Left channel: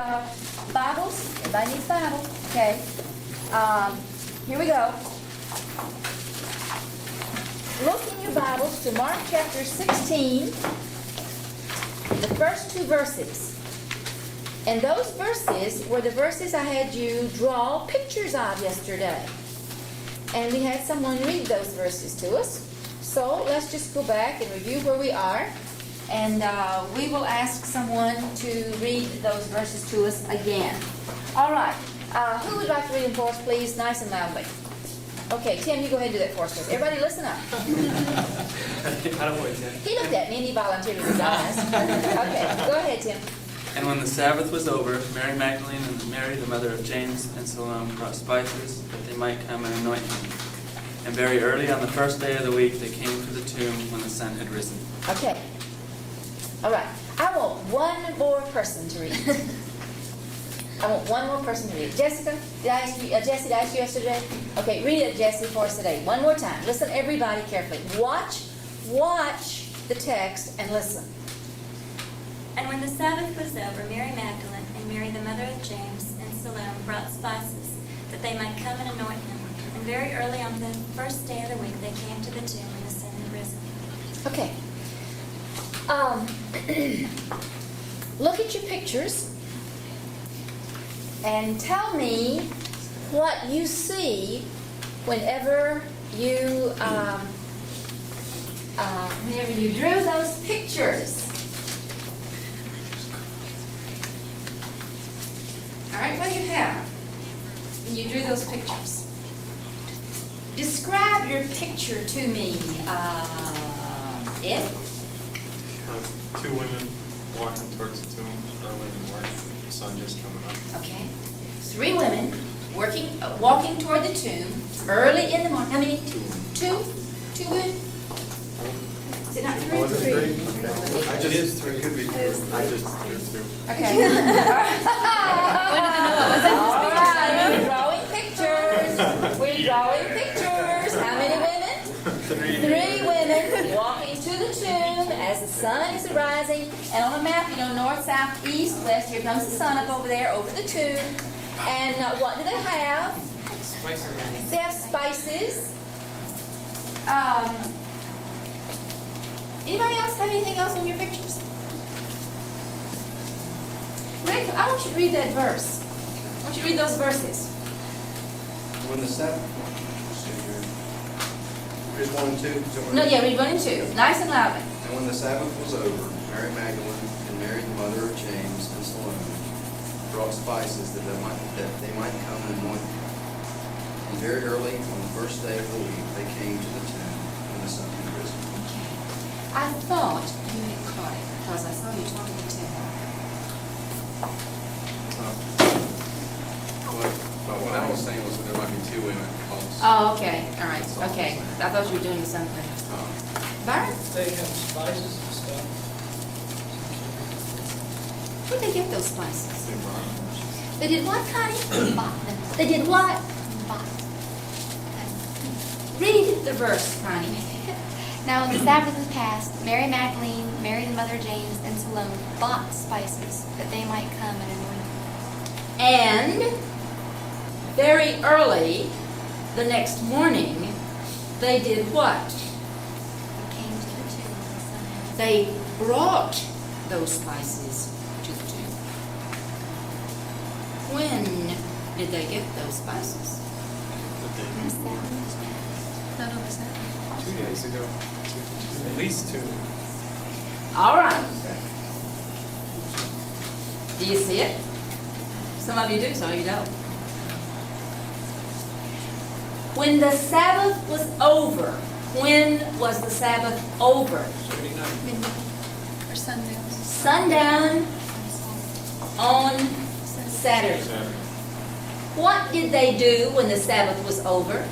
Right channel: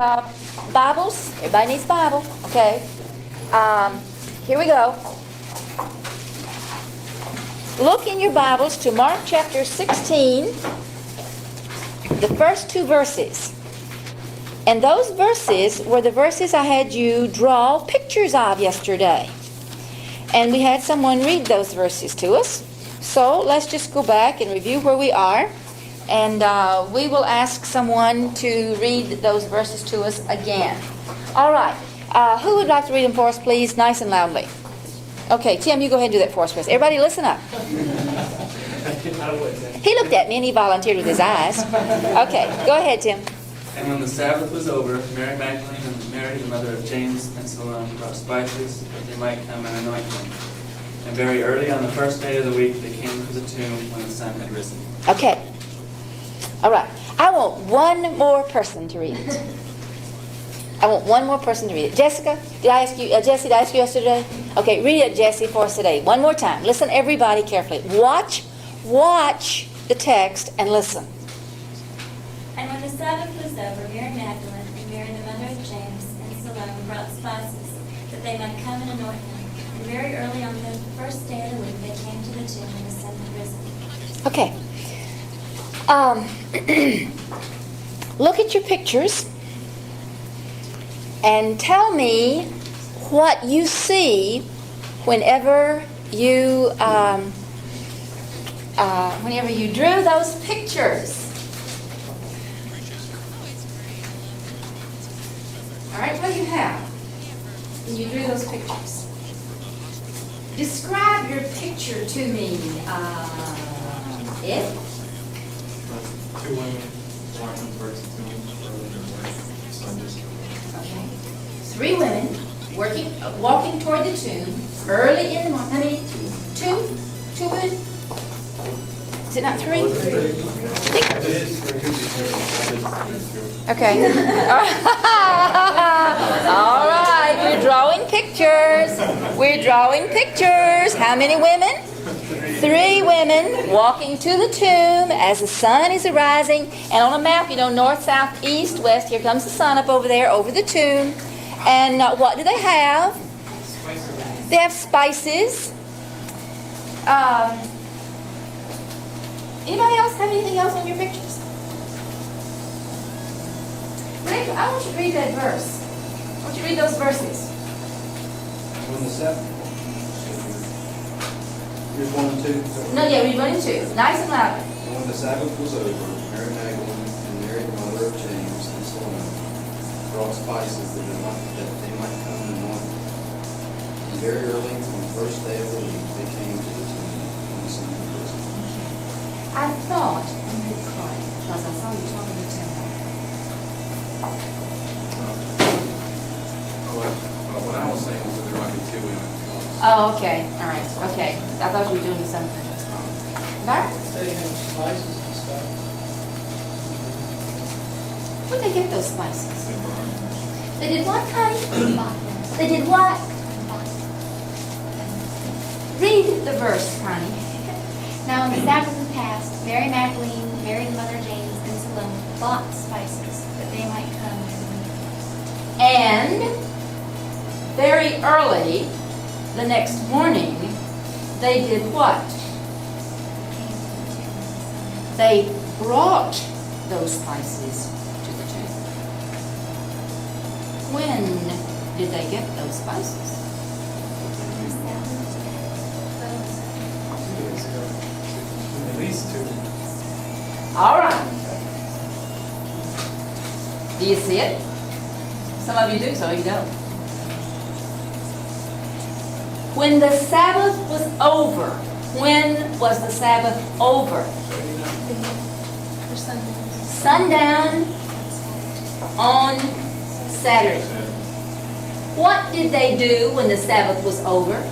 Bibles? Everybody needs a Bible. Okay. Here we go. Look in your Bibles to Mark chapter 16, the first two verses. And those verses were the verses I had you draw pictures of yesterday. And we had someone read those verses to us. So let's just go back and review where we are. And we will ask someone to read those verses to us again. All right. Who would like to read them for us, please? Nice and loudly. Okay, Tim, you go ahead and do that for us, please. Everybody listen up. He looked at me and he volunteered with his eyes. Okay, go ahead, Tim. And when the Sabbath was over, Mary Magdalene and Mary, the mother of James and Salome, brought spices that they might come and anoint him. And very early on the first day of the week, they came to the tomb when the sun had risen. Okay. All right. I want one more person to read it. I want one more person to read it. Jessica, did I ask you? Jesse, did I ask you yesterday? Okay, read it, Jesse, for us today. One more time. Listen, everybody, carefully. Watch the text and listen. And when the Sabbath was over, Mary Magdalene and Mary, the mother of James and Salome, brought spices that they might come and anoint him. And very early on the first day of the week, they came to the tomb when the sun had risen. Okay. Look at your pictures and tell me what you see whenever you drew those pictures. All right, what do you have when you drew those pictures? Describe your picture to me, Ed. Two women walking towards the tomb. Okay. Three women walking toward the tomb early in the morning. How many? Two? Two women? Is it not three? Okay. All right. You're drawing pictures. We're drawing pictures. How many women? Three women walking to the tomb as the sun is arising. And on a map, north, south, east, west. Here comes the sun up over there, over the tomb. And what do they have? They have spices. Anybody else have anything else on your pictures? Rick, I want you to read that verse. I want you to read those verses. When the Sabbath. Read 1 and 2. No, yeah, read 1 and 2. Nice and loud. And when the Sabbath was over, Mary Magdalene and Mary, the mother of James and Salome, brought spices that they might come and anoint him. And very early on the first day of the week, they came to the tomb when the sun had risen. I thought, let me get quiet, because I saw you talking to Tim. What I was saying was that there might be two women. Oh, okay. All right. Okay. I thought you were doing something. Byron? They have spices and stuff. Where'd they get those spices? They did what, honey? Bought them. They did what? Bought them. Read the verse, Connie. Now when the Sabbath was past, Mary Magdalene, Mary the mother of James, and Salome bought spices that they might come and anoint him. And very early the next morning, they did what? Came to the tomb when the sun had risen. They brought those spices to the tomb. When did they get those spices? When the Sabbath was past. 2 days ago. At least 2. All right. Do you see it? Some of you do, some of you don't. When the Sabbath was over, when was the Sabbath over? For Sundown sundown. on Saturday. What did they do when the Sabbath was over?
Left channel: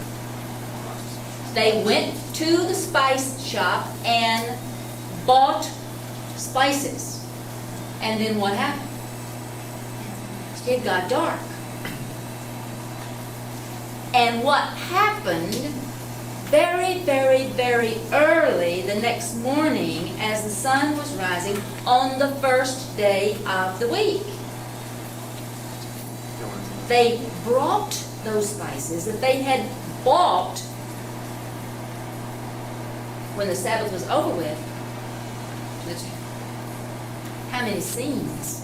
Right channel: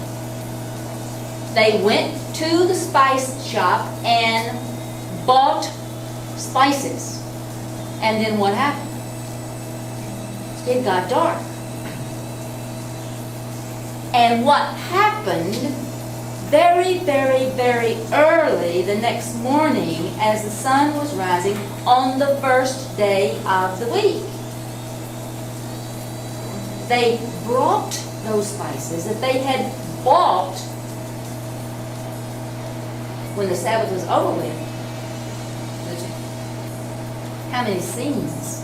They went to the spice shop and bought spices. And then what happened? It got dark. And what happened very, very, very early the next morning as the sun was rising on the first day of the week? they brought those spices that they had bought when the Sabbath was over with. How many scenes?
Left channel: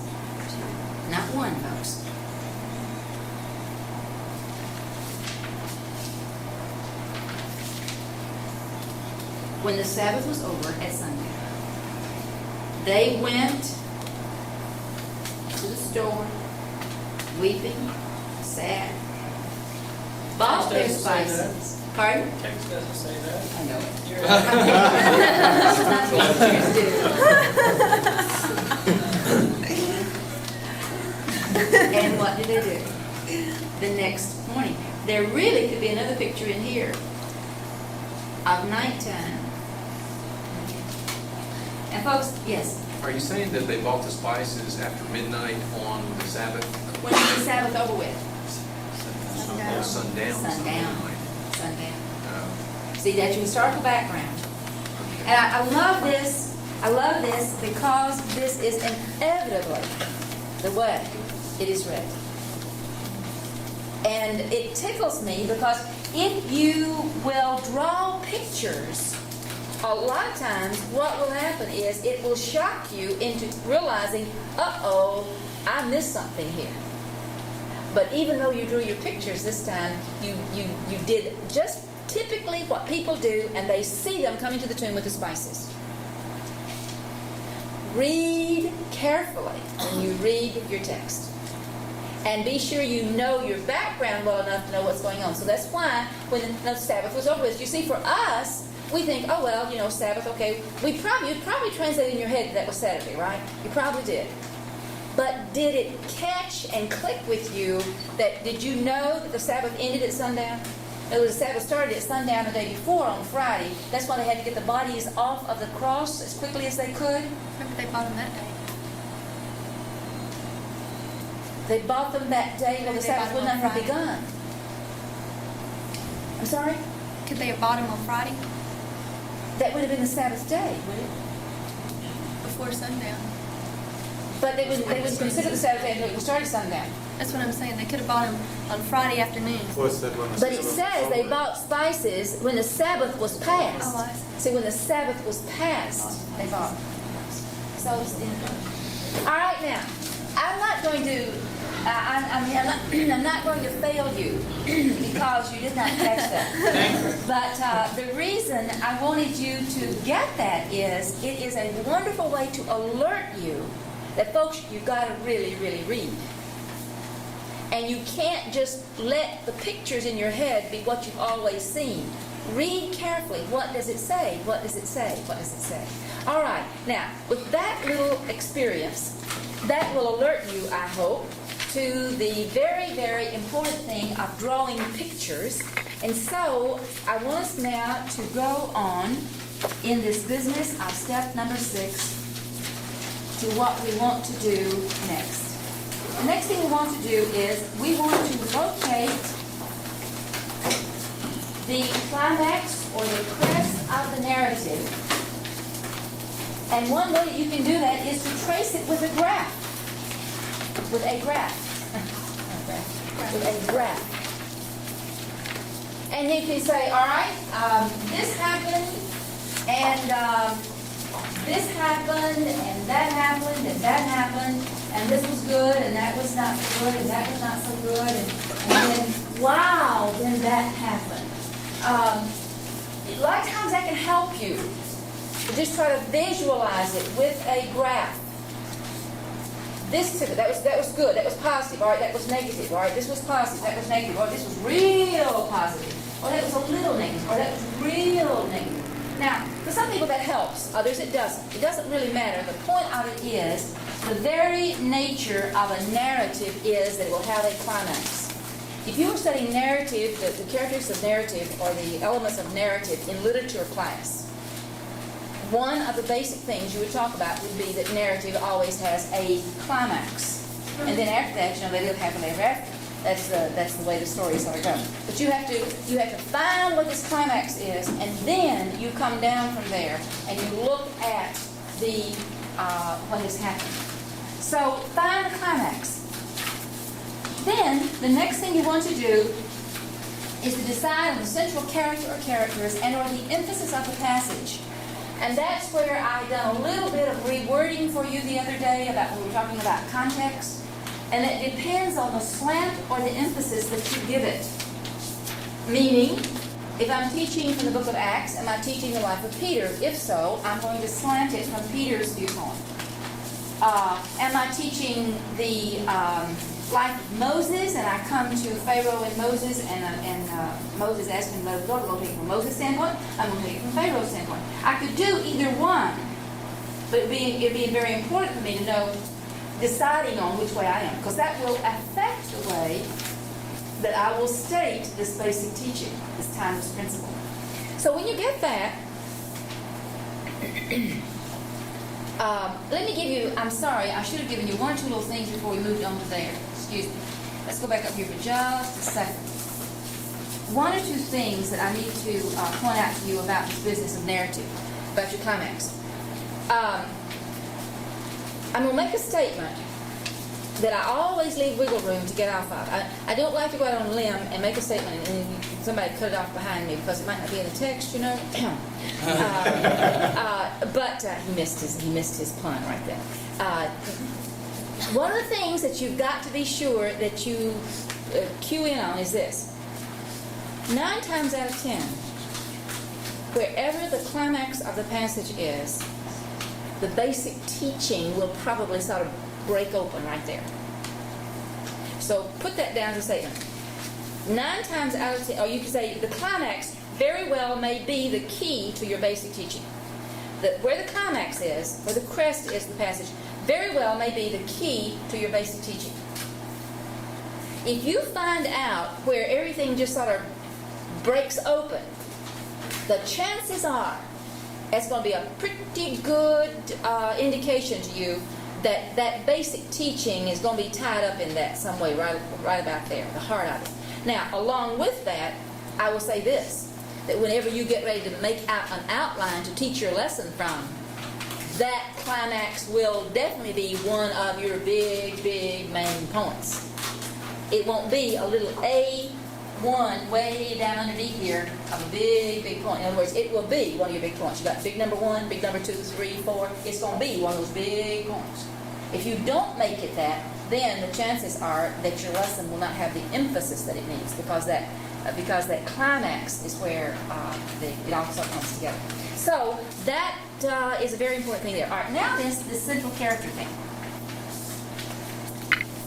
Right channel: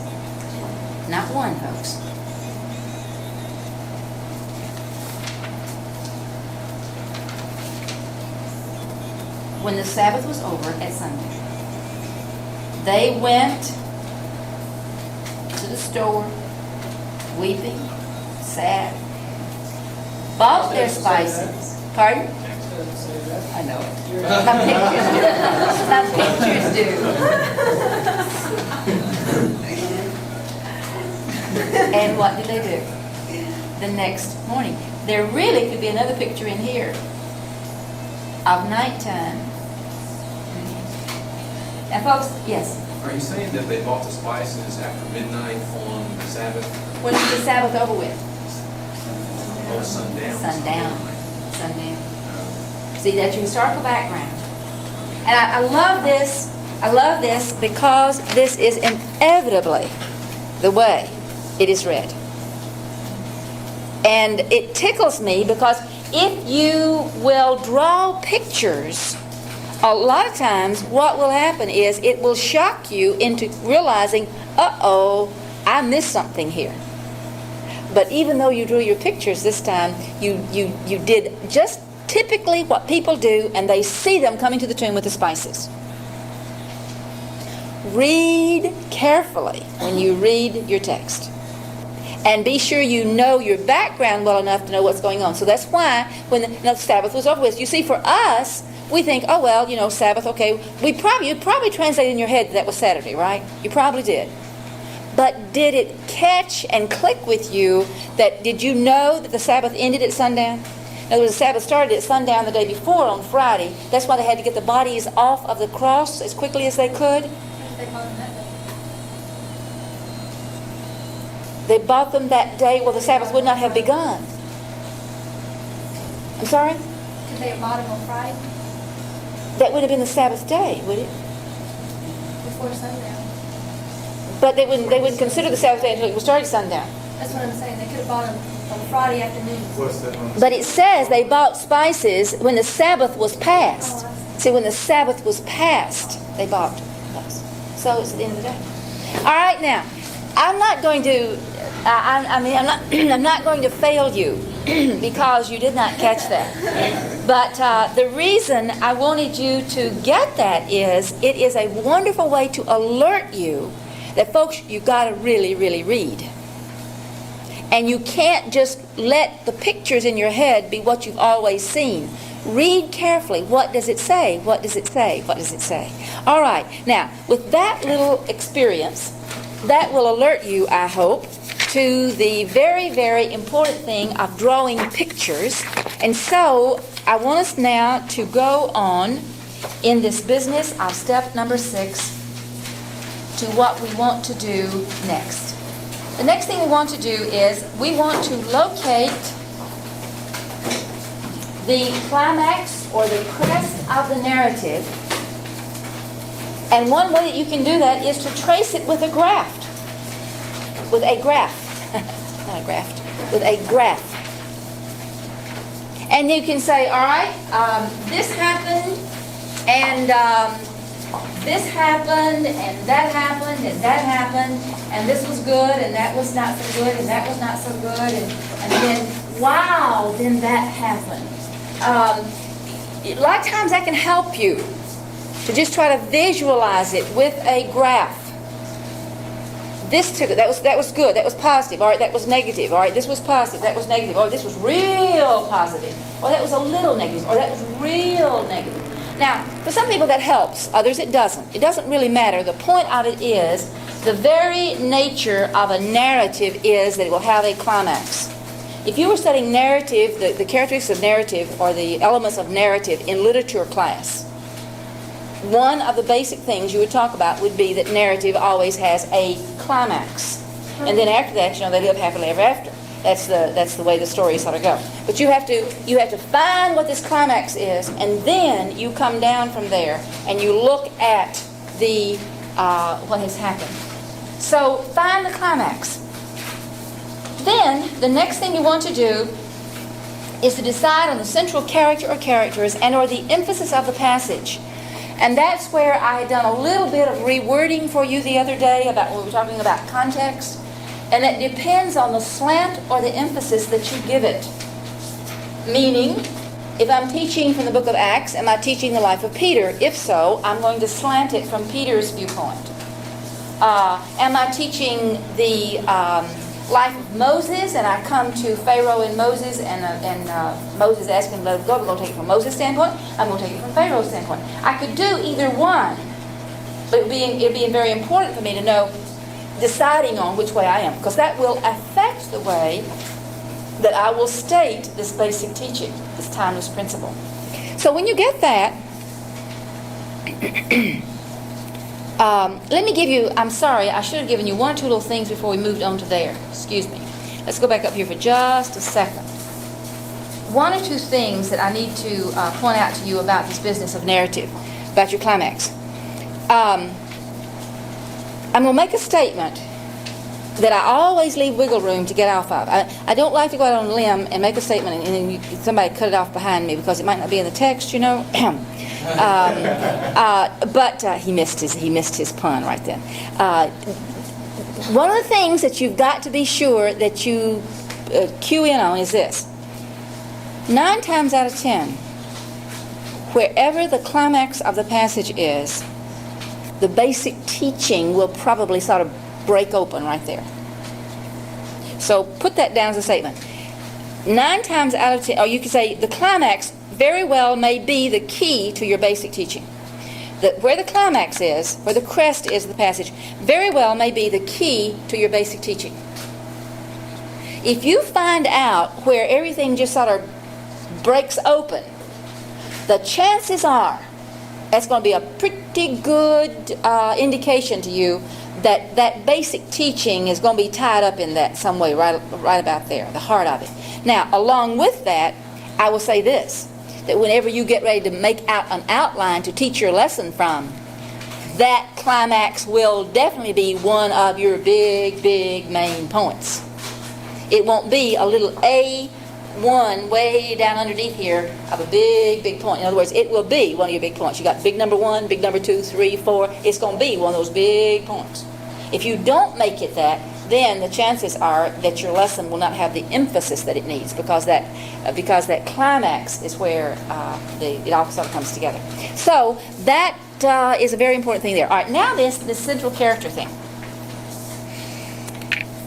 Not one, folks. When the Sabbath was over at Sunday, they went to the store, weeping, sad, bought their spices. Pardon? Text doesn't say that. I know it. You're- That's what pictures do. And what did they do? The next morning. There really could be another picture in here of nighttime. And folks, yes, Are you saying that they bought the spices after midnight on the Sabbath? when is the Sabbath over with? On sundown? Sundown. Sundown. Oh, See, that's your historical background. And I love this. I love this because this is inevitably the way it is read. And it tickles me because if you will draw pictures, a lot of times what will happen is it will shock you into realizing, uh-oh, I missed something here. But even though you drew your pictures this time, you did just typically what people do, and they see them coming to the tomb with the spices. Read carefully when you read your text. And be sure you know your background well enough to know what's going on. So that's why when the Sabbath was over with, you see, for us, we think, oh, well, you know, Sabbath, okay. You probably translated in your head that was Saturday, right? You probably did. But did it catch and click with you did you know that the Sabbath ended at sundown? In other words, the Sabbath started at sundown the day before on Friday. That's why they had to get the bodies off of the cross as quickly as they could. They bought them that day. They bought them that day while the Sabbath would not have begun. I'm sorry? Could they have bought them on Friday That would have been the Sabbath day, would it? before sundown? But they wouldn't consider the Sabbath day until it was started sundown. That's what I'm saying. They could have bought them on Friday afternoon. What's that one? But it says they bought spices when the Sabbath was passed. Oh, I see. See, when the Sabbath was passed, they bought those. So it's the end of the day. All right, now, I'm not going to. I'm not going to fail you because you did not catch that. But the reason I wanted you to get that is it is a wonderful way to alert you that, folks, you've got to really, really read. And you can't just let the pictures in your head be what you've always seen. Read carefully. What does it say? What does it say? What does it say? All right. Now, with that little experience, that will alert you, I hope, to the very, very important thing of drawing pictures. And so I want us now to go on in this business of step number 6 to what we want to do next. The next thing we want to do is we want to locate the climax or the crest of the narrative. And one way that you can do that is to trace it with a graph. With a graph. Not a graph. With a graph. And you can say, all right, this happened, and this happened, and that happened, and that happened, and this was good, and that was not so good, and that was not so good, and then, wow, then that happened. A lot of times that can help you to just try to visualize it with a graph. This took it. That was good. That was positive. All right, that was negative. All right, this was positive. That was negative. Or this was real positive. Or that was a little negative. Or that was real negative. Now, for some people that helps. Others it doesn't. It doesn't really matter. The point of it is the very nature of a narrative is that it will have a climax. If you were studying narrative, the characteristics of narrative or the elements of narrative in literature class, one of the basic things you would talk about would be that narrative always has a climax. And then after that, they live happily ever after. That's the way the stories sort of go. But you have to find what this climax is, and then you come down from there and you look at the what has happened. So find the climax. Then, the next thing you want to do is to decide on the central character or characters and or the emphasis of the passage. And that's where I done a little bit of rewording for you the other day about when we were talking about context. And it depends on the slant or the emphasis that you give it. Meaning, if I'm teaching from the book of Acts, am I teaching the life of Peter? If so, I'm going to slant it from Peter's viewpoint. Am I teaching the life of Moses, and I come to Pharaoh and Moses, and Moses asking him to let it go? I'm going to take it from Moses' standpoint. I'm going to take it from Pharaoh's standpoint. I could do either one, but it'd be very important for me to know deciding on which way I am, because that will affect the way that I will state this basic teaching, this timeless principle. So when you get that, let me give you, I'm sorry, I should have given you one or two little things before we moved on to there. Excuse me. Let's go back up here for just a second. One or two things that I need to point out to you about this business of narrative, about your climax. I'm going to make a statement that I always leave wiggle room to get off of. I don't like to go out on a limb and make a statement and then somebody cut it off behind me because it might not be in the text, you know. But he missed his pun right then. One of the things that you've got to be sure that you cue in on is this. 9 times out of 10, wherever the climax of the passage is, the basic teaching will probably sort of break open right there. So put that down as a statement. 9 times out of 10, or you could say the climax very well may be the key to your basic teaching. That where the climax is, where the crest is of the passage, very well may be the key to your basic teaching. If you find out where everything just sort of breaks open, the chances are that's going to be a pretty good indication to you that that basic teaching is going to be tied up in that some way, right about there, the heart of it. Now, along with that, I will say this, that whenever you get ready to make out an outline to teach your lesson from, that climax will definitely be one of your big, big main points. It won't be a little A1 way down underneath here of a big, big point. In other words, it will be one of your big points. You got big number 1, big number 2, 3, 4. It's going to be one of those big points. If you don't make it that, then the chances are that your lesson will not have the emphasis that it needs, because that climax is where it all sort of comes together. So that is a very important thing there. All right, now this central character thing.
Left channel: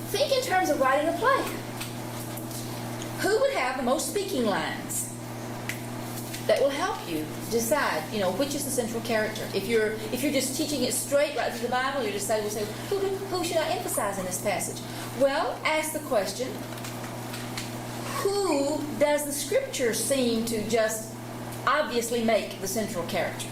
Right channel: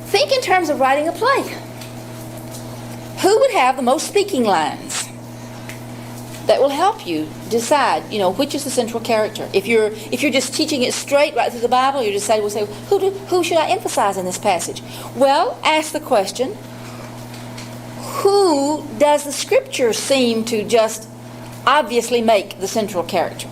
Think in terms of writing a play. Who would have the most speaking lines? That will help you decide, which is the central character. If you're just teaching it straight right through the Bible, you decide, we'll say, who should I emphasize in this passage? Well, ask the question, who does the Scripture seem to just obviously make the central character?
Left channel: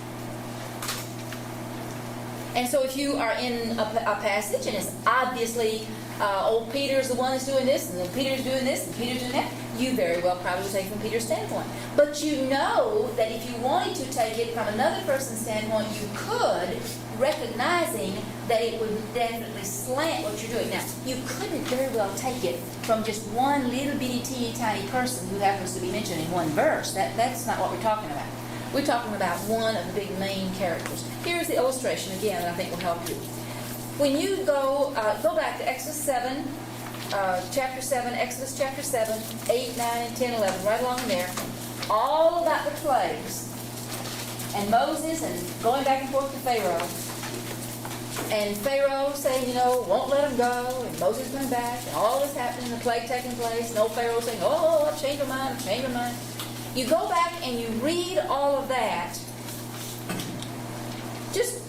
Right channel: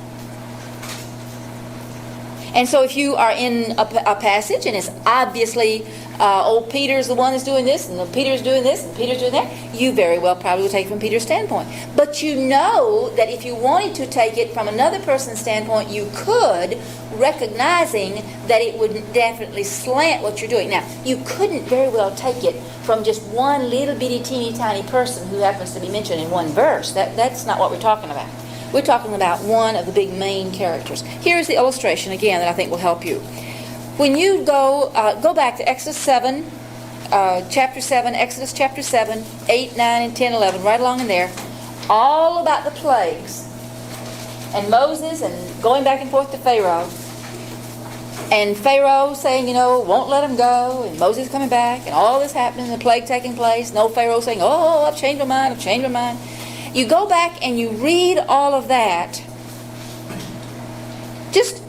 And so if you are in a passage and it's obviously old Peter's the one that's doing this, and Peter's doing this, and Peter's doing that, you very well probably will take it from Peter's standpoint. But you know that if you wanted to take it from another person's standpoint, you could, recognizing that it would definitely slant what you're doing. Now, you couldn't very well take it from just one little bitty teeny tiny person who happens to be mentioned in one verse. That's not what we're talking about. We're talking about one of the big main characters. Here's the illustration again that I think will help you. When you go back to Exodus 7, chapter 7, Exodus chapter 7, 8, 9, and 10, 11, right along in there, all about the plagues, and Moses, and going back and forth to Pharaoh, and Pharaoh saying, won't let him go, and Moses coming back, and all this happening, the plague taking place, no Pharaoh saying, I've changed my mind, I've changed my mind. You go back and you read all of that, just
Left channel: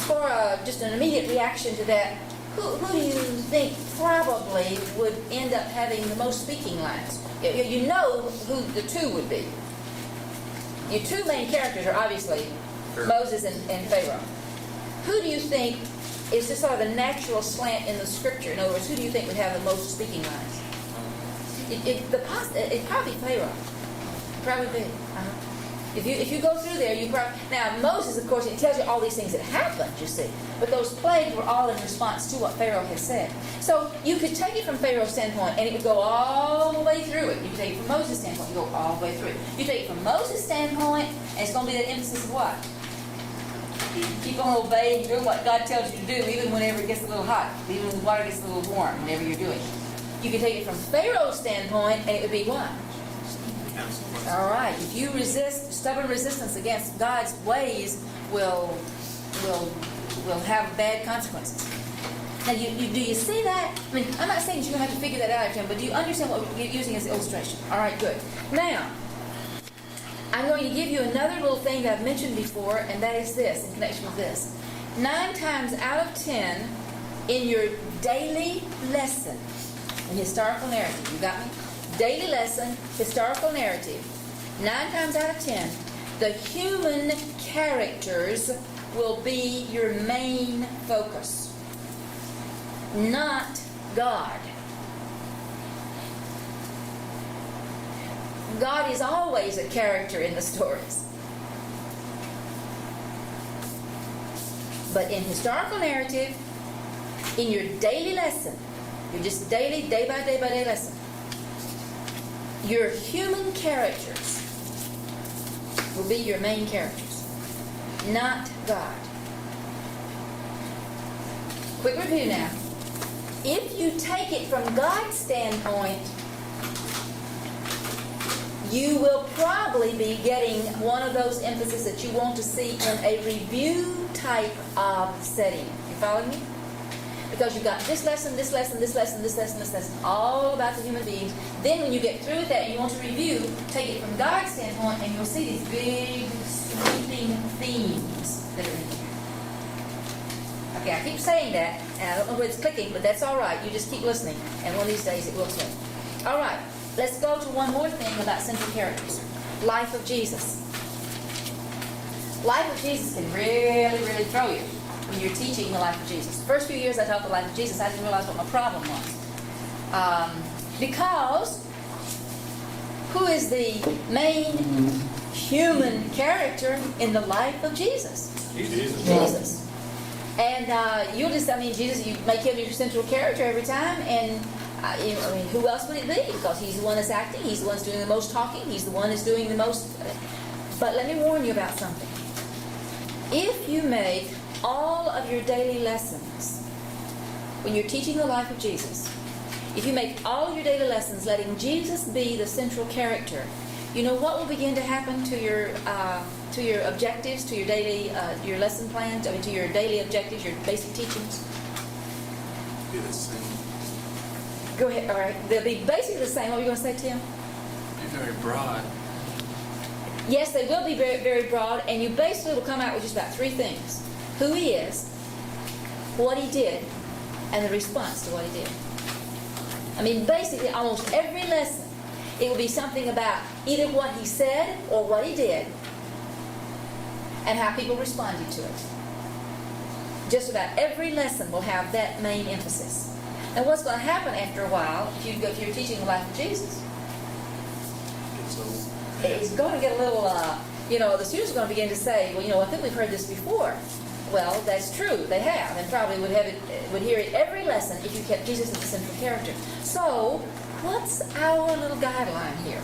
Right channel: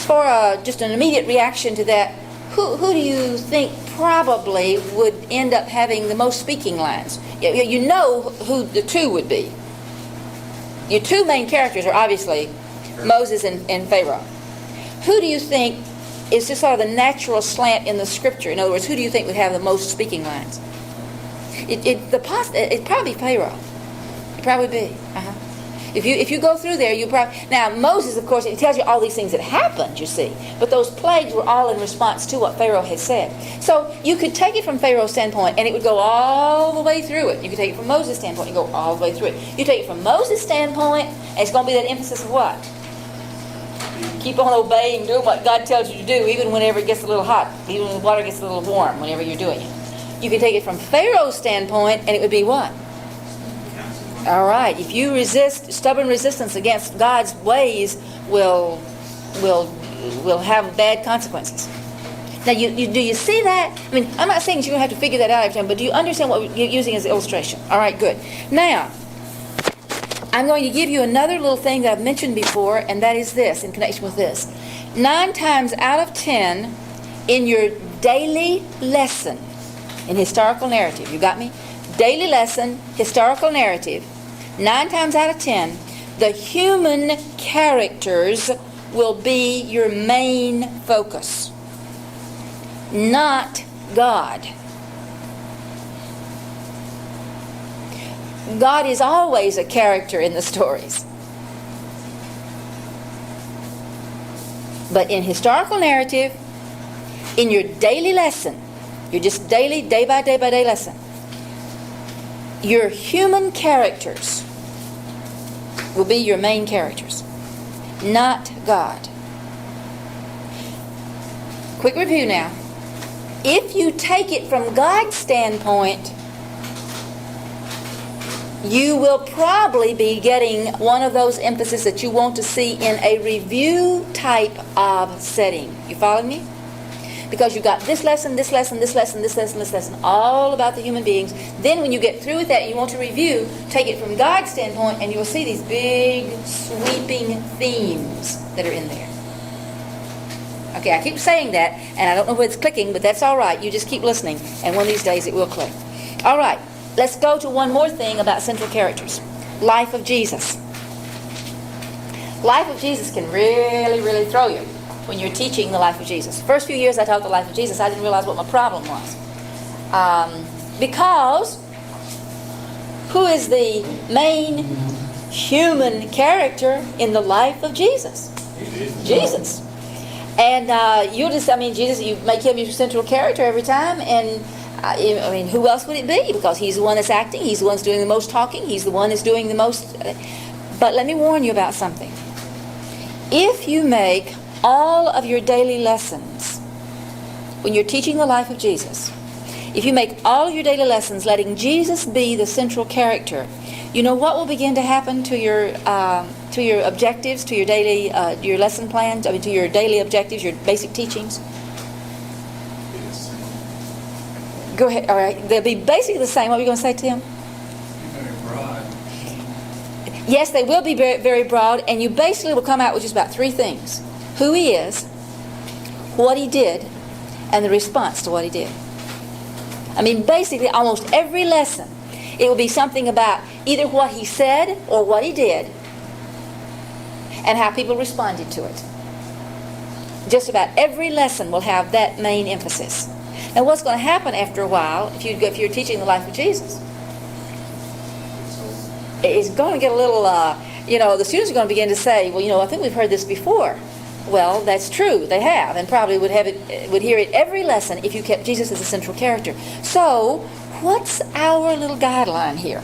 for an immediate reaction to that, who do you think probably would end up having the most speaking lines? You know who the two would be. Your two main characters are obviously Moses and Pharaoh. Who do you think is just sort of the natural slant in the Scripture? In other words, who do you think would have the most speaking lines? It'd probably be Pharaoh. It'd probably be. If you go through there, you probably... Now, Moses, of course, it tells you all these things that happened, you see. But those plagues were all in response to what Pharaoh had said. So you could take it from Pharaoh's standpoint, and it would go all the way through it. You could take it from Moses' standpoint, and go all the way through it. You take it from Moses' standpoint, and it's going to be that emphasis of what? Keep on obeying, doing what God tells you to do, even whenever it gets a little hot, even when the water gets a little warm, whenever you're doing it. You can take it from Pharaoh's standpoint, and it would be what? All right. If you resist, stubborn resistance against God's ways will have bad consequences. Now, do you see that? I mean, I'm not saying that you're going to have to figure that out every time, but do you understand what we're using as an illustration? All right, good. Now, I'm going to give you another little thing that I've mentioned before, and that is this, in connection with this. 9 times out of 10, in your daily lesson, in historical narrative, you got me? Daily lesson, historical narrative, 9 times out of 10, the human characters will be your main focus, not God. God is always a character in the stories. But in historical narrative, in your daily lesson, your just daily, day by day lesson, your human characters will be your main characters, not God. Quick review now. If you take it from God's standpoint, you will probably be getting one of those emphases that you want to see in a review type of setting. You follow me? Because you've got this lesson, this lesson, this lesson, this lesson, this lesson, all about the human beings. Then when you get through with that, you want to review, take it from God's standpoint, and you'll see these big, sweeping themes that are in there. Okay, I keep saying that, and I don't know whether it's clicking, but that's all right. You just keep listening, and one of these days it will click. All right, let's go to one more thing about central characters. Life of Jesus. Life of Jesus can really, really throw you when you're teaching the life of Jesus. First few years I taught the life of Jesus, I didn't realize what my problem was. Because who is the main human character in the life of Jesus? Jesus. And Jesus, you make him your central character every time, and who else would it be? Because he's the one that's acting, he's the one that's doing the most talking, he's the one that's doing the most. But let me warn you about something. If you make all of your daily lessons, when you're teaching the life of Jesus, if you make all of your daily lessons letting Jesus be the central character, you know what will begin to happen to your objectives, to your daily, your lesson plans, to your daily objectives, your basic teachings? Go ahead. All right. They'll be basically the same. What were you going to say, Tim? Very broad. Yes, they will be very, very broad, and you basically will come out with just about 3 things. Who he is, what he did, and the response to what he did. I mean, basically, almost every lesson, it will be something about either what he said or what he did, and how people responded to it. Just about every lesson will have that main emphasis. Now, what's going to happen after a while, if you're teaching the life of Jesus, it's going to get a little, the students are going to begin to say, well, I think we've heard this before. Well, that's true, they have, and probably would hear it every lesson if you kept Jesus as a central character. So, what's our little guideline here?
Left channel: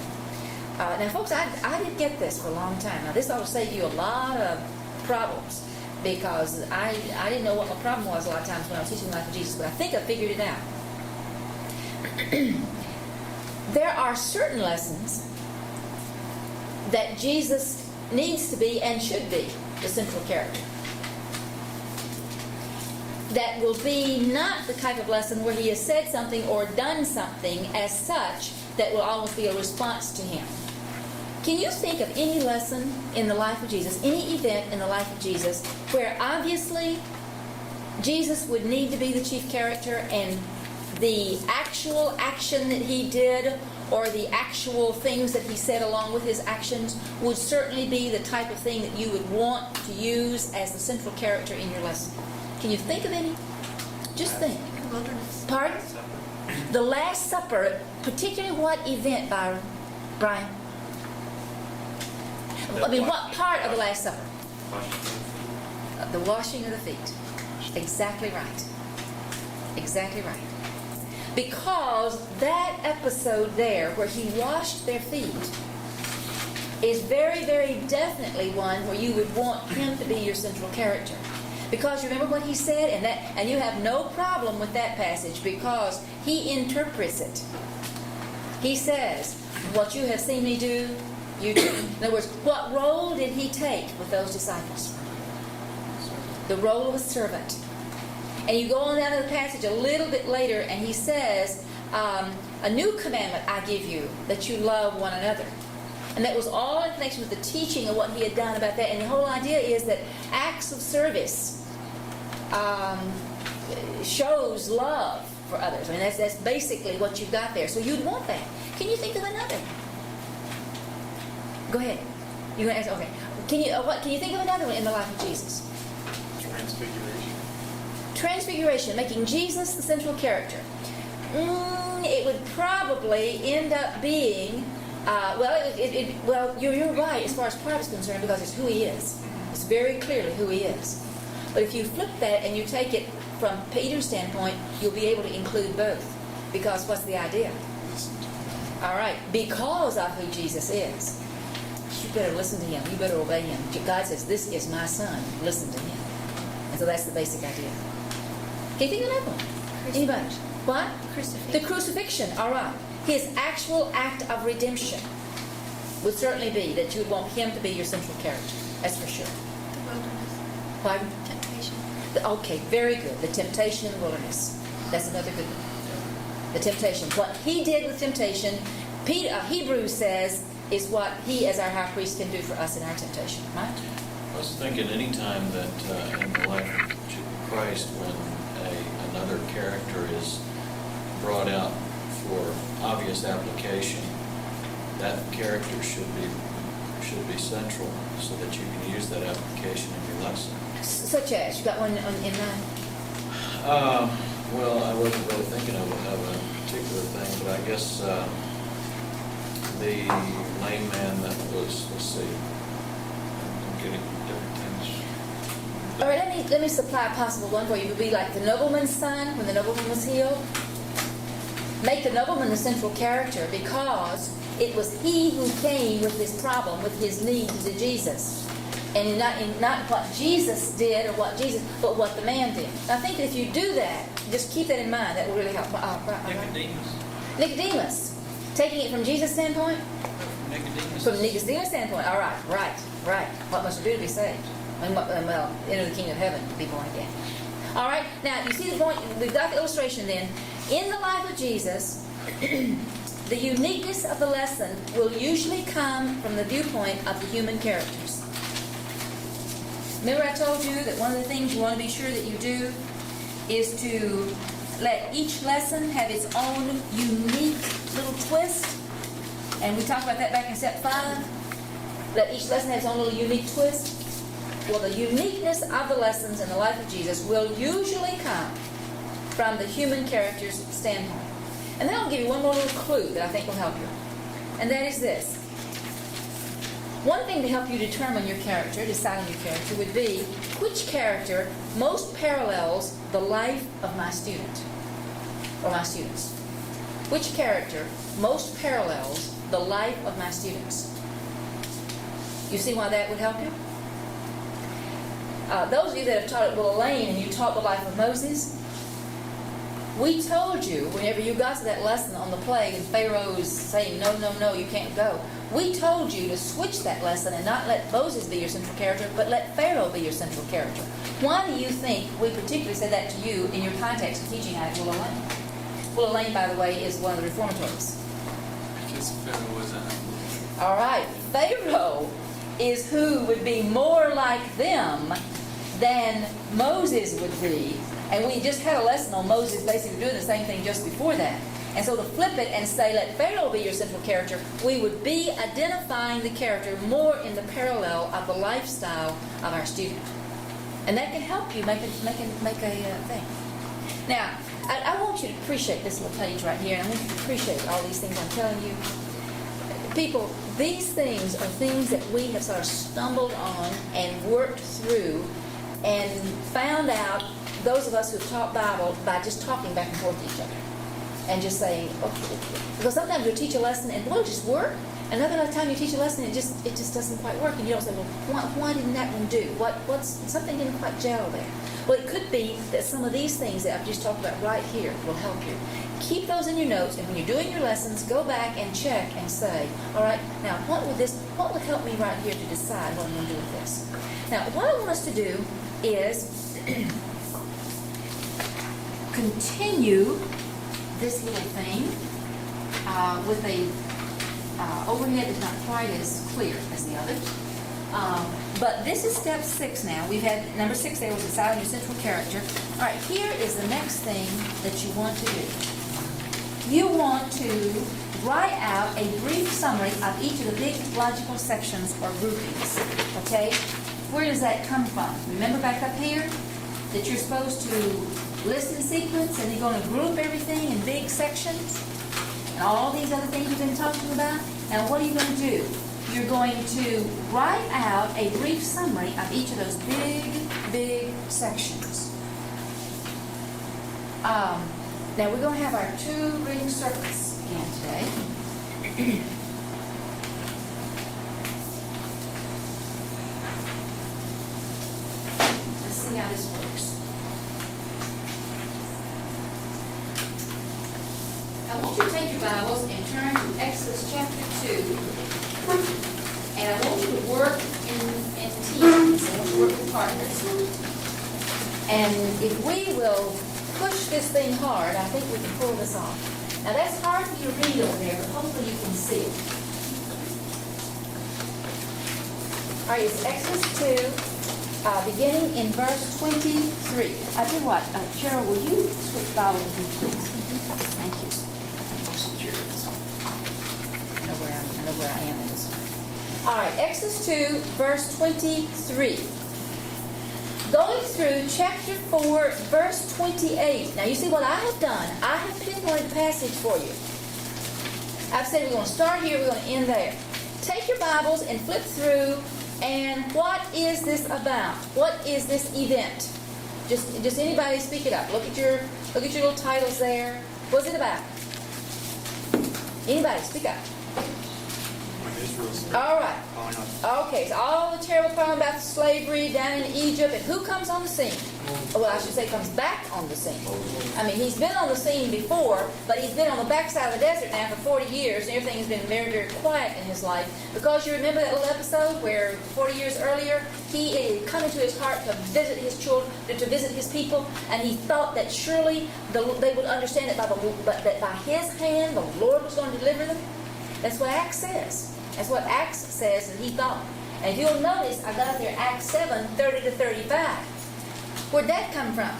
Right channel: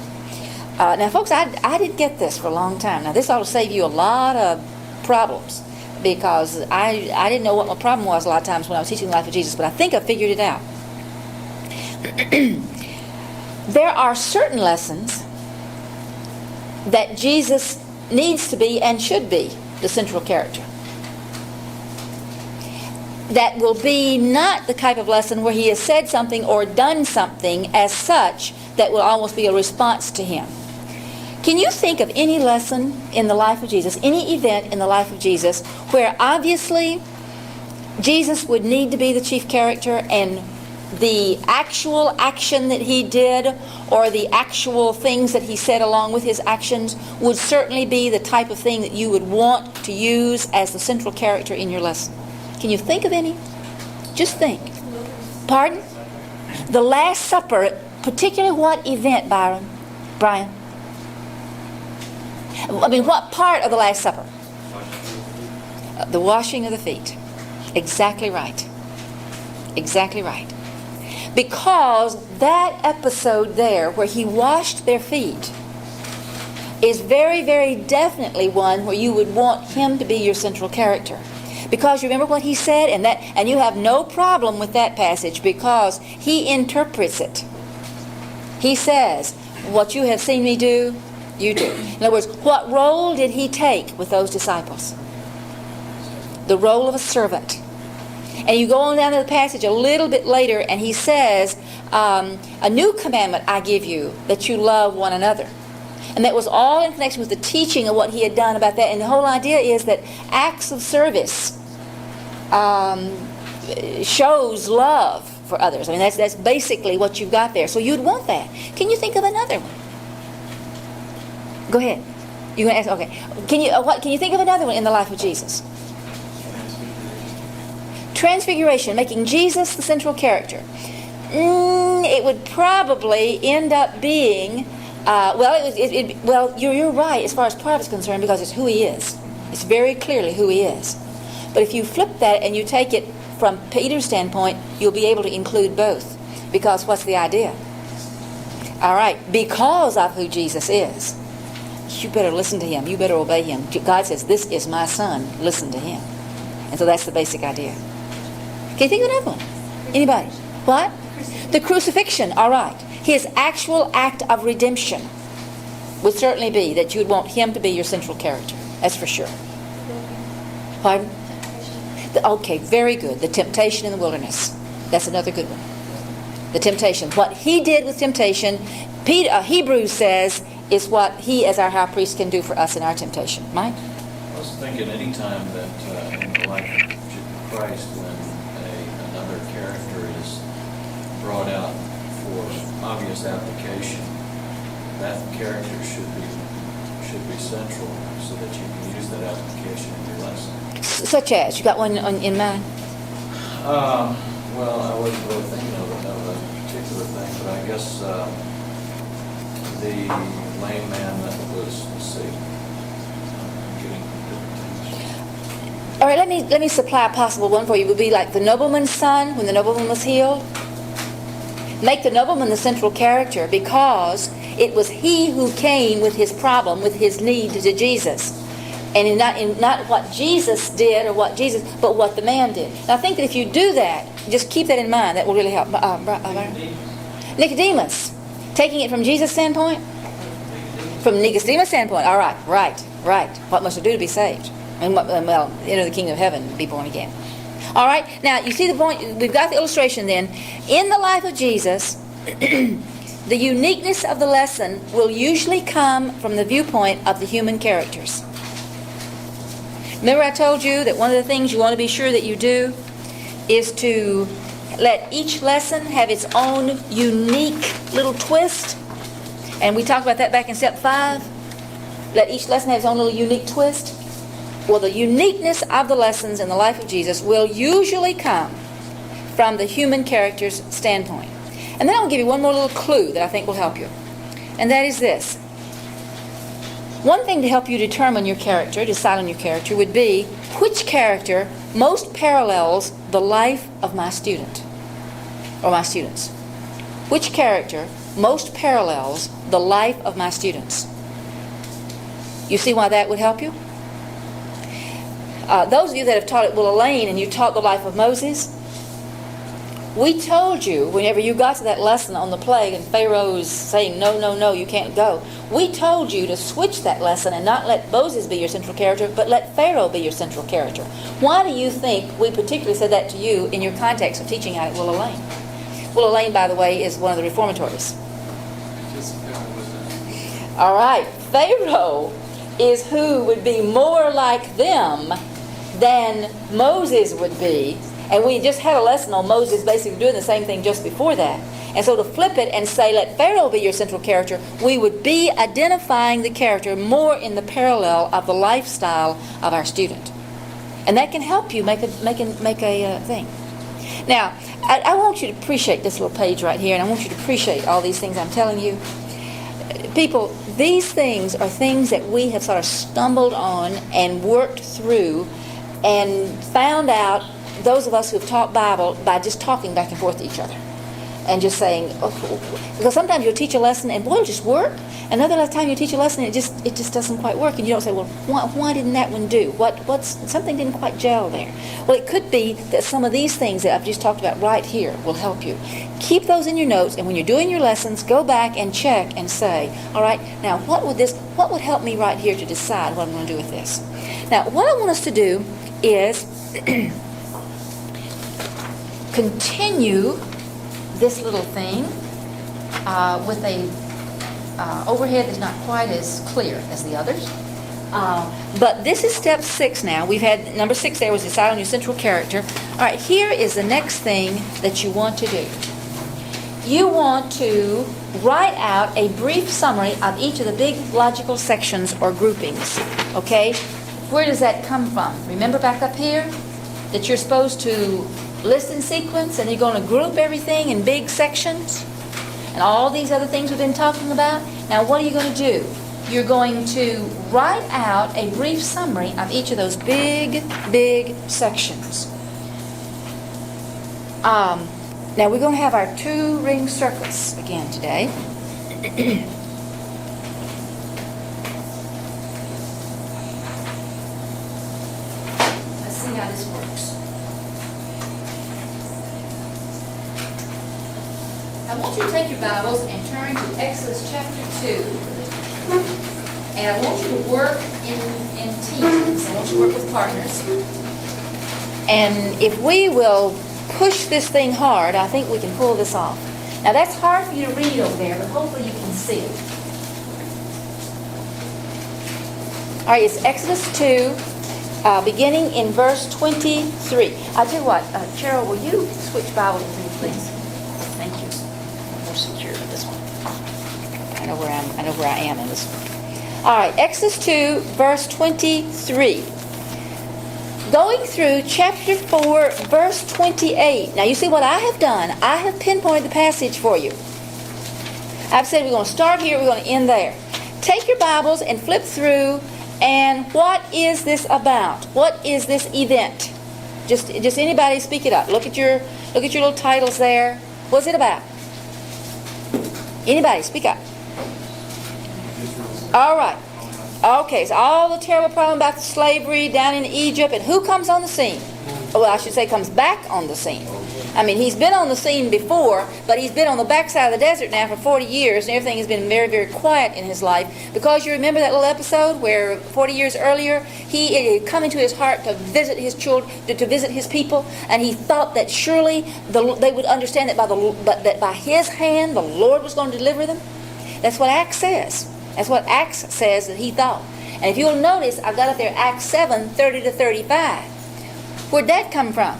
Now, folks, I didn't get this for a long time. Now, this ought to save you a lot of problems, because I didn't know what my problem was a lot of times when I was teaching the life of Jesus, but I think I figured it out. There are certain lessons that Jesus needs to be and should be the central character. That will be not the type of lesson where he has said something or done something as such that will almost be a response to him. Can you think of any lesson in the life of Jesus, any event in the life of Jesus, where obviously Jesus would need to be the chief character, and the actual action that he did or the actual things that he said along with his actions would certainly be the type of thing that you would want to use as the central character in your lesson? Can you think of any? Just think. Pardon? The Last Supper, particularly what event, Brian? I mean, what part of the Last Supper? The washing of the feet. Exactly right. Exactly right. Because that episode there where he washed their feet is very, very definitely one where you would want him to be your central character. Because you remember what he said, and you have no problem with that passage because he interprets it. He says, what you have seen me do, you do. In other words, what role did he take with those disciples? The role of a servant. And you go on down to the passage a little bit later, and he says, a new commandment I give you, that you love one another. And that was all in connection with the teaching of what he had done about that. And the whole idea is that acts of service shows love for others. I mean, that's basically what you've got there. So you'd want that. Can you think of another one? Go ahead. You're going to ask. Okay. Can you think of another one in the life of Jesus? Transfiguration, making Jesus the central character. It would probably end up being. Well, you're right as far as part of it's concerned because it's who he is. It's very clearly who he is. But if you flip that and you take it from Peter's standpoint, you'll be able to include both. Because what's the idea? All right, because of who Jesus is, you better listen to him. You better obey him. God says, this is my son. Listen to him. And so that's the basic idea. Can you think of another one? Anybody? What? The crucifixion. All right. His actual act of redemption would certainly be that you'd want him to be your central character. That's for sure. Pardon? Okay, very good. The temptation in the wilderness. That's another good one. The temptation. What he did with temptation, Hebrews says, is what he as our high priest can do for us in our temptation. Mike? I was thinking any time that in the life of Christ when another character is brought out for obvious application, that character should be central so that you can use that application in your lesson. Such as? You got one in mind? Well, I wasn't really thinking of a particular thing, but I guess the lame man that was, let's see, I'm getting different things. All right, let me supply a possible one for you. It would be like the nobleman's son when the nobleman was healed. Make the nobleman the central character because it was he who came with his problem, with his need to Jesus. And in not what Jesus did or what Jesus, but what the man did. And I think that if you do that, just keep that in mind. That will really help. Nicodemus. Taking it from Jesus' standpoint? From Nicodemus' standpoint. All right, right. What must I do to be saved? And well, enter the kingdom of heaven, be born again. All right, now you see the point. We've got the illustration then. In the life of Jesus, the uniqueness of the lesson will usually come from the viewpoint of the human characters. Remember I told you that one of the things you want to be sure that you do is to let each lesson have its own unique little twist. And we talked about that back in step 5. Let each lesson have its own little unique twist. Well, the uniqueness of the lessons in the life of Jesus will usually come from the human character's standpoint. And then I'll give you one more little clue that I think will help you. And that is this. One thing to help you determine your character, decide on your character, would be which character most parallels the life of my student or my students. Which character most parallels the life of my students? You see why that would help you? Those of you that have taught at Willow Lane and you taught the life of Moses, we told you whenever you got to that lesson on the plague and Pharaoh's saying, no, you can't go, we told you to switch that lesson and not let Moses be your central character, but let Pharaoh be your central character. Why do you think we particularly said that to you in your context of teaching out at Willow Lane? Willow Lane, by the way, is one of the reformatories. Because Pharaoh was All right, Pharaoh is who would be more like them than Moses would be. And we just had a lesson on Moses basically doing the same thing just before that. And so to flip it and say, let Pharaoh be your central character, we would be identifying the character more in the parallel of the lifestyle of our student. And that can help you make a thing. Now, I want you to appreciate this little page right here, and I want you to appreciate all these things I'm telling you. People, These things are things that we have sort of stumbled on and worked through and found out, those of us who have taught Bible, by just talking back and forth to each other. And just saying, oh, because sometimes you'll teach a lesson and boy, it'll just work. Another time you teach a lesson and it just doesn't quite work. And you don't say, well, why didn't that one do? Something didn't quite gel there. Well, it could be that some of these things that I've just talked about right here will help you. Keep those in your notes, and when you're doing your lessons, go back and check and say, all right, now what would help me right here to decide what I'm going to do with this? Now, what I want us to do is continue this little thing with a overhead that's not quite as clear as the others. But this is step 6 now. We've had number 6 there was decide on your central character. All right, here is the next thing that you want to do. You want to write out a brief summary of each of the big logical sections or groupings. Okay? Where does that come from? Remember back up here that you're supposed to list in sequence and you're going to group everything in big sections? And all these other things we've been talking about? Now, what are you going to do? You're going to write out a brief summary of each of those big sections. Now, we're going to have our 2-ring circles again today. Let's see how this works. I want you to take your Bibles and turn to Exodus chapter 2. And I want you to work in teams. I want you to work with partners. And if we will push this thing hard, I think we can pull this off. Now that's hard for you to read over there, but hopefully you can see it. All right, it's Exodus 2, beginning in verse 23. I'll tell you what, Cheryl, will you switch Bibles with me, please? Thank you. We're secure with this one. I know where I am in this one. All right, Exodus 2, verse 23. Going through chapter 4, verse 28. Now, you see what I have done. I have pinpointed the passage for you. I've said we're going to start here, we're going to end there. Take your Bibles and flip through, and what is this about? What is this event? Just anybody speak it up. Look at your little titles there. What's it about? Anybody, speak up. All right. Okay, so all the terrible problem about the slavery down in Egypt, and who comes on the scene? Well, I should say comes back on the scene. I mean, he's been on the scene before, but he's been on the backside of the desert now for 40 years, and everything has been very, very quiet in his life. Because you remember that little episode where 40 years earlier, it had come into his heart to visit his children, to visit his people, and he thought that surely they would understand that by his hand, the Lord was going to deliver them. That's what Acts says. That's what Acts says that he thought. And if you'll notice, I've got up there Acts 7, 30 to 35. Where'd that come from?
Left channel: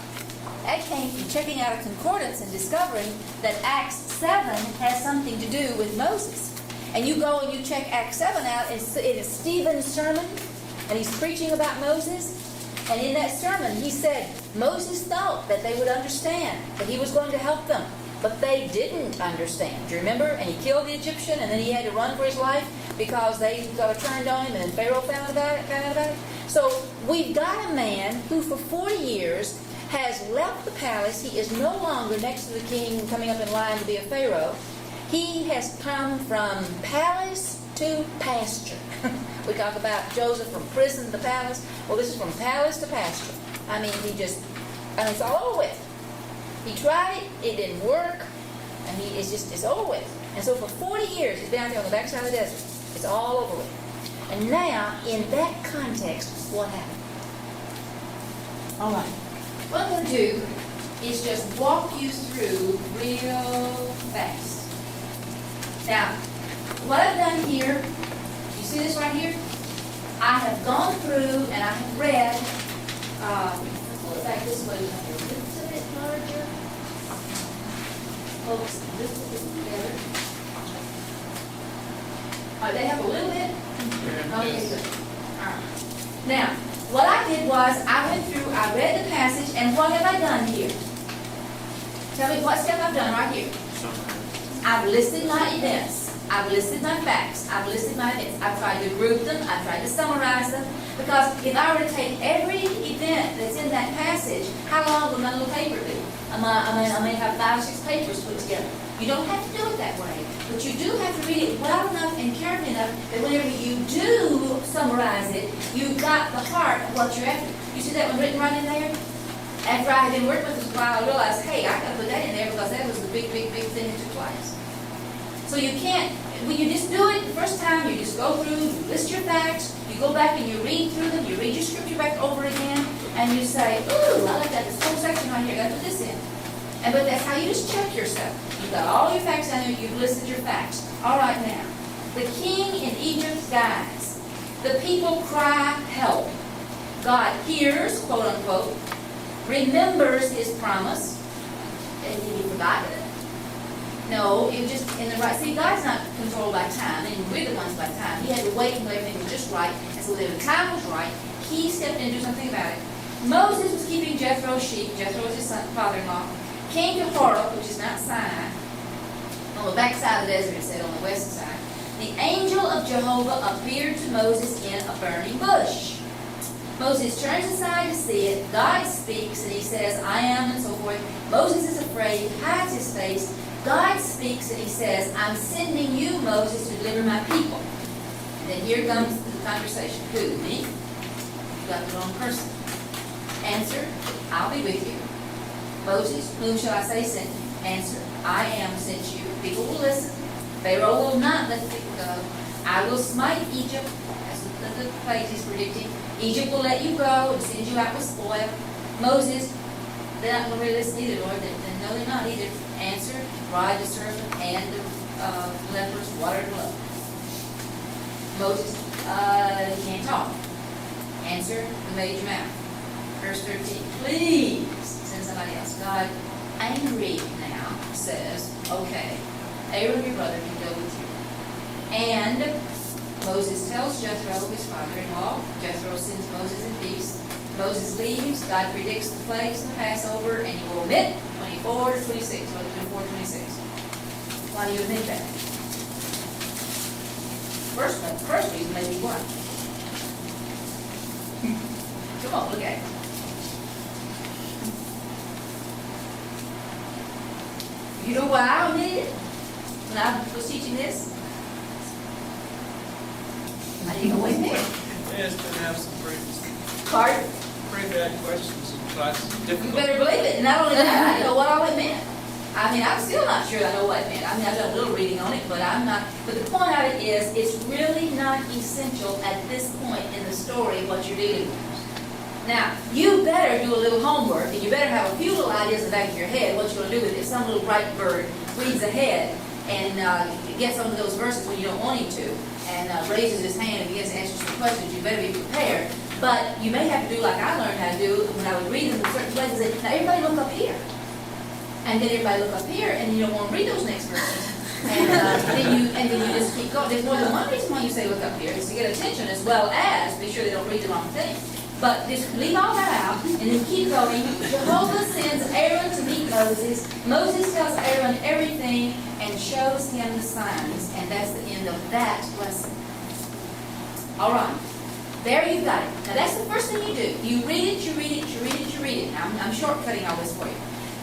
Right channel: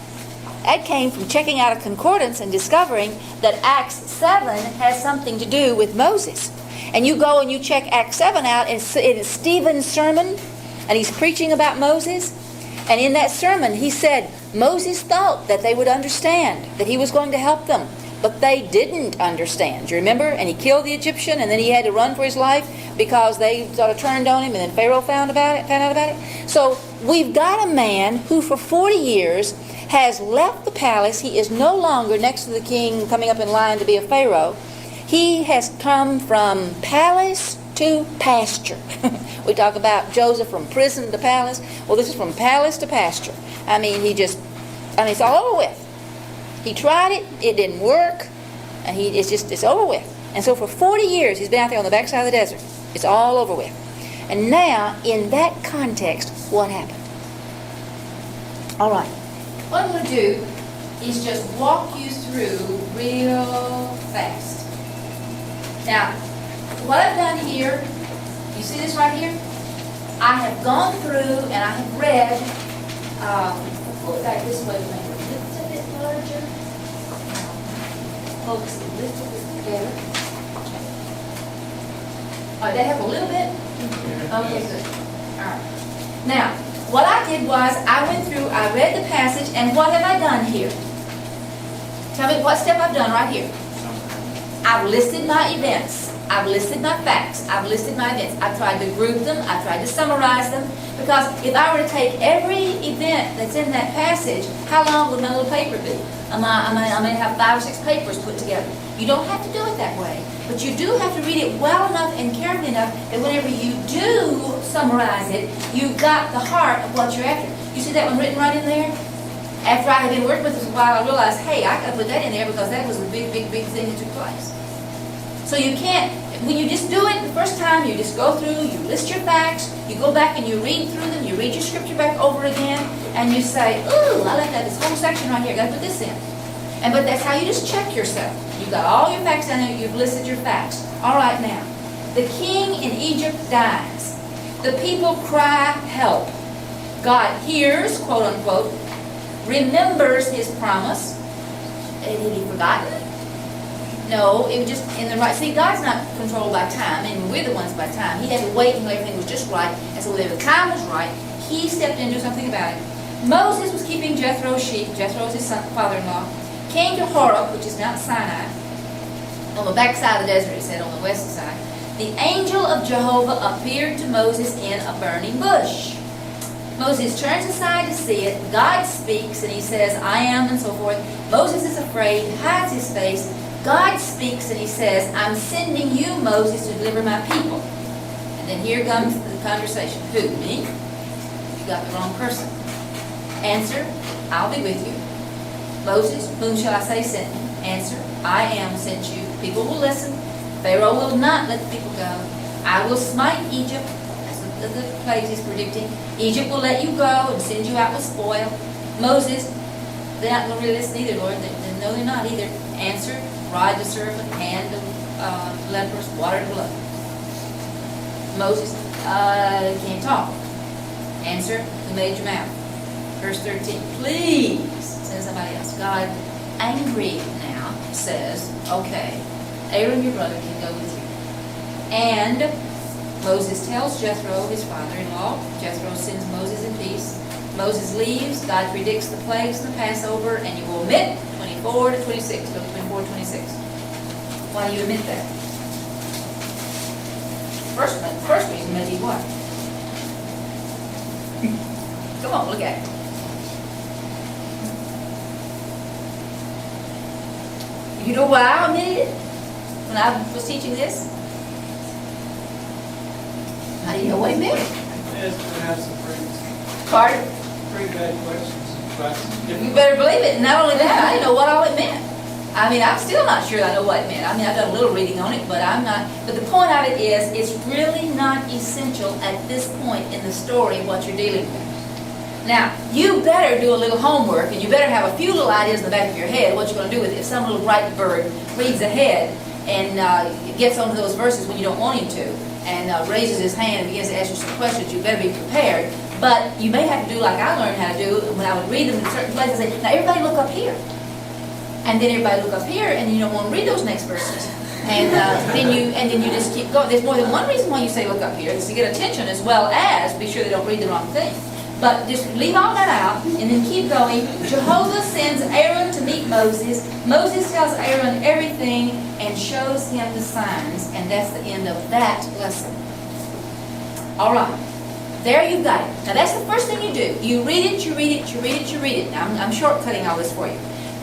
That came from checking out a concordance and discovering that Acts 7 has something to do with Moses. And you go and you check Acts 7 out, and it is Stephen's sermon, and he's preaching about Moses. And in that sermon, he said Moses thought that they would understand, that he was going to help them. But they didn't understand. Do you remember? And he killed the Egyptian, and then he had to run for his life because they sort of turned on him, and then Pharaoh found out about it. So we've got a man who for 40 years has left the palace. He is no longer next to the king coming up in line to be a Pharaoh. He has come from palace to pasture. We talk about Joseph from prison to palace. Well, this is from palace to pasture. I mean, it's all over with. He tried it, it didn't work, and it's over with. And so for 40 years, he's been out there on the backside of the desert. It's all over with. And now, in that context, what happened? All right. What I'm going to do is just walk you through real fast. Now, what I've done here, you see this right here? I have gone through and I have read, pull it back this way, just a bit larger. Focus this together. All right, they have a little bit? Okay, good. All right. Now, what I did was I went through, I read the passage, and what have I done here? Tell me what step I've done right here. I've listed my events. I've listed my facts. I've listed my events. I've tried to group them. I've tried to summarize them. Because if I were to take every event that's in that passage, how long would my little paper be? I may have 5 or 6 papers put together. You don't have to do it that way. But you do have to read it well enough and carefully enough that whenever you do summarize it, you've got the heart of what you're after. You see that one written right in there? After I had been working with it for a while, I realized, hey, I got to put that in there because that was a big, big, big thing that took place. So you can't, when you just do it the first time, you just go through, you list your facts, you go back and you read through them, you read your scripture back over again, and you say, ooh, I like that, this whole section right here, got to put this in. But that's how you just check yourself. You've got all your facts down there, you've listed your facts. All right now, the king in Egypt dies. The people cry help. God hears, quote unquote, remembers his promise. Had he forgotten it? No, it was just in the right. See, God's not controlled by time, and we're the ones by time. He had to wait until everything was just right, and so when the time was right, he stepped in and did something about it. Moses was keeping Jethro's sheep. Jethro's his father-in-law. Came to Horeb, which is Mount Sinai, on the backside of the desert, it said, on the west side. The angel of Jehovah appeared to Moses in a burning bush. Moses turns aside to see it. God speaks, and he says, I am, and so forth. Moses is afraid, hides his face. God speaks, and he says, I'm sending you, Moses, to deliver my people. And then here comes the conversation. Who, me? You got the wrong person. Answer, I'll be with you. Moses, whom shall I say sent me? Answer, I am sent you. People will listen. Pharaoh will not let the people go. I will smite Egypt. That's the plagues he's predicting. Egypt will let you go and send you out with spoil. Moses, they're not going to really listen either, Lord. No, they're not either. Answer, ride the serpent, hand of lepers, water to blood. Moses, you can't talk. Answer, who made your mouth? Verse 13, please, says somebody else. God, angry now, says, okay, Aaron, your brother, can go with you. And Moses tells Jethro, his father-in-law. Jethro sends Moses in peace. Moses leaves. God predicts the plagues and the Passover, and you will omit 24 to 26. Go to 24 to 26. Why do you omit that? First reason may be what? Come on, look at it. You know why I omitted it when I was teaching this? How do you know what it meant? Yes, we have some pretty bad questions in classes. You better believe it. Not only that, I didn't know what all it meant. I mean, I'm still not sure I know what it meant. I mean, I've done a little reading on it, but I'm not. But the point of it is, it's really not essential at this point in the story what you're dealing with. Now, you better do a little homework, and you better have a few little ideas in the back of your head what you're going to do with it. Some little bright bird reads ahead and gets onto those verses when you don't want him to, and raises his hand and begins to ask you some questions. You better be prepared. But you may have to do like I learned how to do when I would read them in certain places. Say, now everybody look up here. And then everybody look up here, and you don't want to read those next verses. And then you just keep going. There's more than one reason why you say look up here. It's to get attention as well as be sure they don't read the wrong thing. But just leave all that out, and then keep going. Jehovah sends Aaron to meet Moses. Moses tells Aaron everything and shows him the signs, and that's the end of that lesson. All right. There you've got it. Now that's the first thing you do. You read it, you read it, you read it, you read it. Now I'm shortcutting all this for you.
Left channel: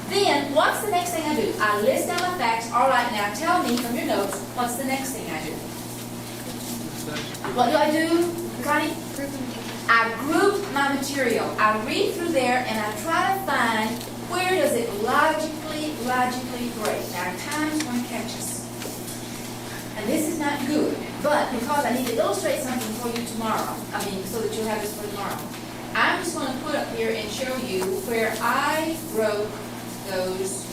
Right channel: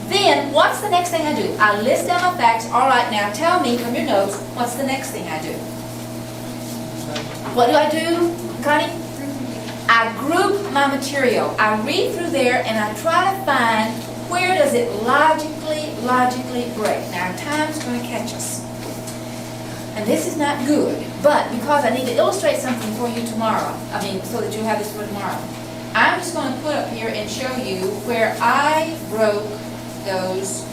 Then, what's the next thing I do? I list down my facts. All right, now tell me from your notes, what's the next thing I do? What do I do, Connie? I group my material. I read through there and I try to find where does it logically break. Now, time's going to catch us. And this is not good, but because I need to illustrate something for you tomorrow, so that you'll have this for tomorrow, I'm just going to put up here and show you where I broke those,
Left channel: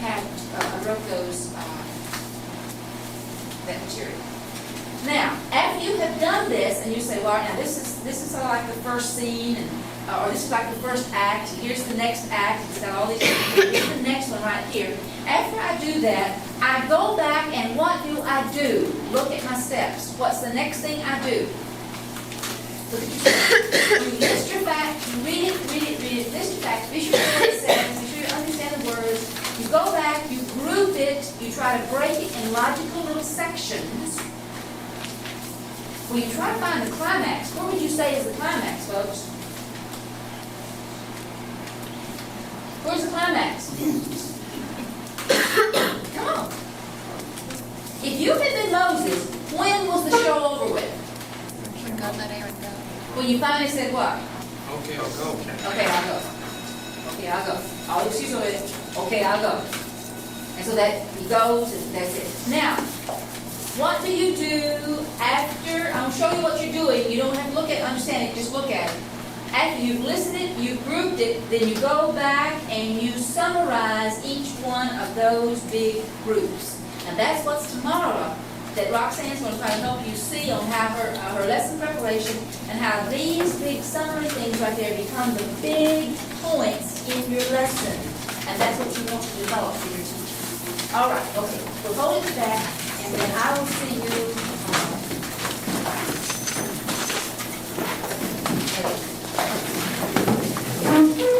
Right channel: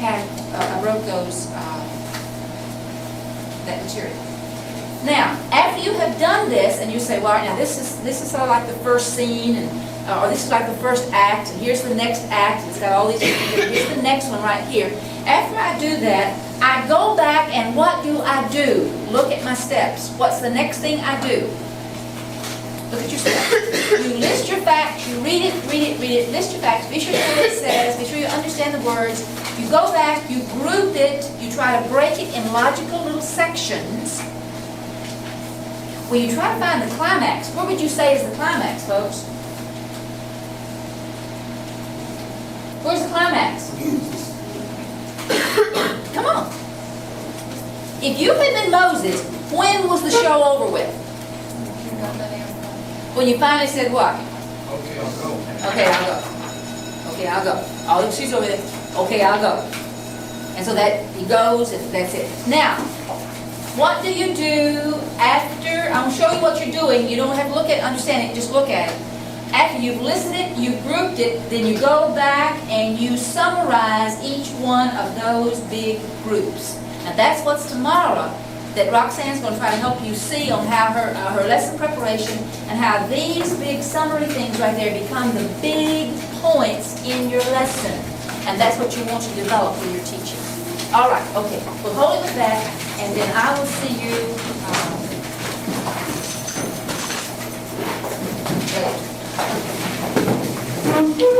that material. Now, after you have done this, and you say, well, now this is sort of like the first scene, and or this is like the first act, and here's the next act, it's got all these things, here's the next one right here. After I do that, I go back, and what do I do? Look at my steps. What's the next thing I do? Look at your steps. You list your facts, you read it, list your facts, be sure you know what it says, be sure you understand the words. You go back, you group group it, you try to break it in logical little sections. When you try to find the climax, what would you say is the climax, folks? Where's the climax? Come on. If you had been Moses, when was the show over with? When you finally said what? Okay, I'll go. Okay, I'll go. Okay, I'll go. Oh, she's over there. Okay, I'll go. And so that he goes, and that's it. Now, what do you do after? I'm gonna show you what you're doing. You don't have to look at, understand it. Just look at it. After you've listened it, you've grouped it, then you go back and you summarize each one of those big groups. And that's what's tomorrow that Roxanne's going to try to help you see on how her lesson preparation and how these big summary things right there become the big points in your lesson. And that's what you want to develop for your teacher. All right, okay. We'll hold it back, and then I will see you later.